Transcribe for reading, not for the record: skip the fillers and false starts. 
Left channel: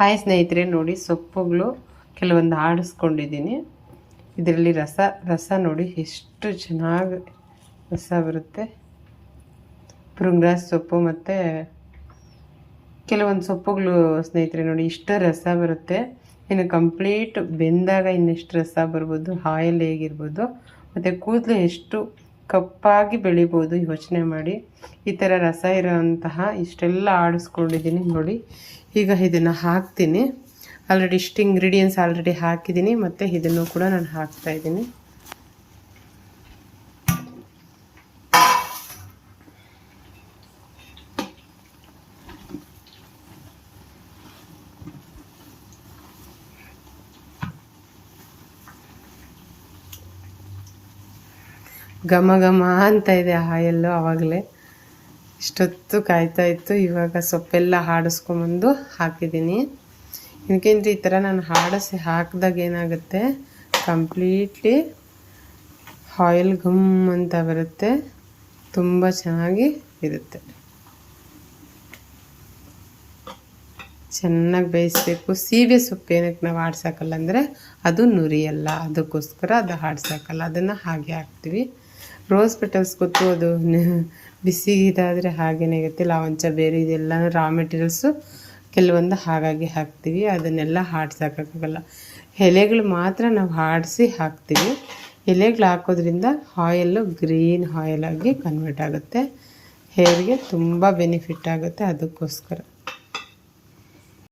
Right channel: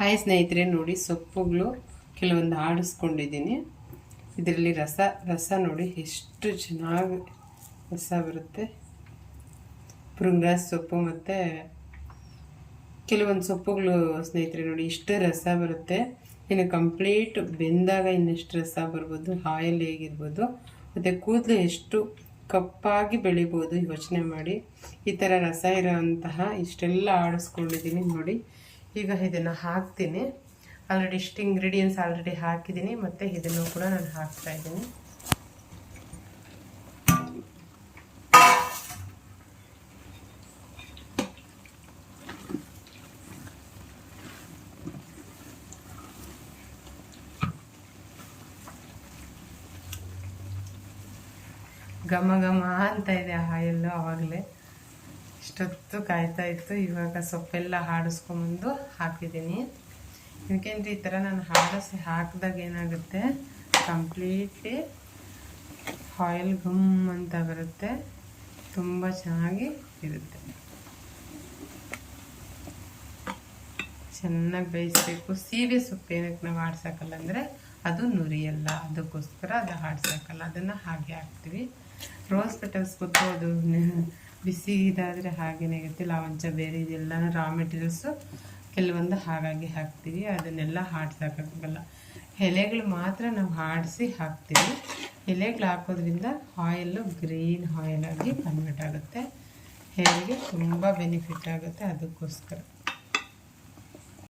Hi ಸ್ನೇಹಿತರೆ, ನೋಡಿ ಸೊಪ್ಪುಗಳು ಕೆಲವೊಂದು ಆಡಿಸ್ಕೊಂಡಿದ್ದೀನಿ. ಇದರಲ್ಲಿ ರಸ ನೋಡಿ ಎಷ್ಟು ಚೆನ್ನಾಗಿ ರಸ ಬರುತ್ತೆ. ಪುಂಗ್ರಾಸ್ ಸೊಪ್ಪು ಮತ್ತು ಕೆಲವೊಂದು ಸೊಪ್ಪುಗಳು ಸ್ನೇಹಿತರೆ ನೋಡಿ ಇಷ್ಟು ರಸ ಬರುತ್ತೆ. ಇನ್ನು ಕಂಪ್ಲೀಟ್ ಬೆಂದಾಗ ಇನ್ನೆಷ್ಟು ರಸ ಬರ್ಬೋದು, ಆಯಿಲ್ ಹೇಗಿರ್ಬೋದು, ಮತ್ತು ಕೂದಲು ಎಷ್ಟು ಕಪ್ಪಾಗಿ ಬೆಳಿಬೋದು ಯೋಚನೆ ಮಾಡಿ. ಈ ಥರ ರಸ ಇರೋಂತಹ ಇಷ್ಟೆಲ್ಲ ಆಡಿಸ್ಕೊಂಡಿದ್ದೀನಿ ನೋಡಿ. ಈಗ ಇದನ್ನು ಹಾಕ್ತೀನಿ. ಆಲ್ರೆಡಿ ಇಷ್ಟು ಇಂಗ್ರೀಡಿಯೆಂಟ್ಸ್ ಆಲ್ರೆಡಿ ಹಾಕಿದ್ದೀನಿ, ಮತ್ತು ಇದನ್ನು ಕೂಡ ನಾನು ಹಾಕ್ತಾಯಿದ್ದೀನಿ. ಘಮ ಘಮ ಅಂತ ಇದೆ ಆಯಲ್ಲು. ಆವಾಗಲೇ ಇಷ್ಟೊತ್ತು ಕಾಯ್ತಾ ಇತ್ತು. ಇವಾಗ ಸೊಪ್ಪೆಲ್ಲ ಆಡಿಸ್ಕೊಂಬಂದು ಹಾಕಿದ್ದೀನಿ. ಏನಕ್ಕೆಂದ್ರೆ ಈ ಥರ ನಾನು ಹಾಕಿದಾಗ ಏನಾಗುತ್ತೆ, ಕಂಪ್ಲೀಟ್ಲಿ ಆಯಿಲ್ ಘಮ್ ಅಂತ ಬರುತ್ತೆ. ತುಂಬ ಚೆನ್ನಾಗಿ ಇರುತ್ತೆ. ಚೆನ್ನಾಗಿ ಬೇಯಿಸ್ಬೇಕು. ಸೀಬೆ ಸೊಪ್ಪು ಏನಕ್ಕೆ ನಾವು ಆಡ್ಸೋಕ್ಕಲ್ಲ ಅಂದರೆ ಅದು ನುರಿಯಲ್ಲ, ಅದಕ್ಕೋಸ್ಕರ ಅದು ಆಡ್ಸೋಕ್ಕಲ್ಲ, ಅದನ್ನು ಹಾಗೆ ಹಾಕ್ತೀವಿ. ರೋಸ್ ಪೆಟಲ್ಸ್ ಗೊತ್ತು, ಅದು ಬಿಸಿ ಇದಾದರೆ ಹಾಗೇನೇ ಇರುತ್ತೆ. ಲಾವಂಚ ಬೇರೆ ಇದೆಲ್ಲ ರಾ ಮೆಟೀರಿಯಲ್ಸು ಕೆಲವೊಂದು ಹಾಗಾಗಿ ಹಾಕ್ತೀವಿ. ಅದನ್ನೆಲ್ಲ ಆಡ್ಸೋಕ್ಕಾಗಲ್ಲ. ಎಲೆಗಳು ಮಾತ್ರ ನಾವು ಆಡಿಸಿ ಹಾಕ್ತೀವಿ. ಎಲೆಗಳು ಹಾಕೋದ್ರಿಂದ ಆಯಿಲ್ಲು ಗ್ರೀನ್ ಆಯಿಲಾಗಿ ಕನ್ವರ್ಟ್ ಆಗುತ್ತೆ. ಹೇರ್ಗೆ ತುಂಬ ಬೆನಿಫಿಟ್ ಆಗುತ್ತೆ. ಅದಕ್ಕೋಸ್ಕರ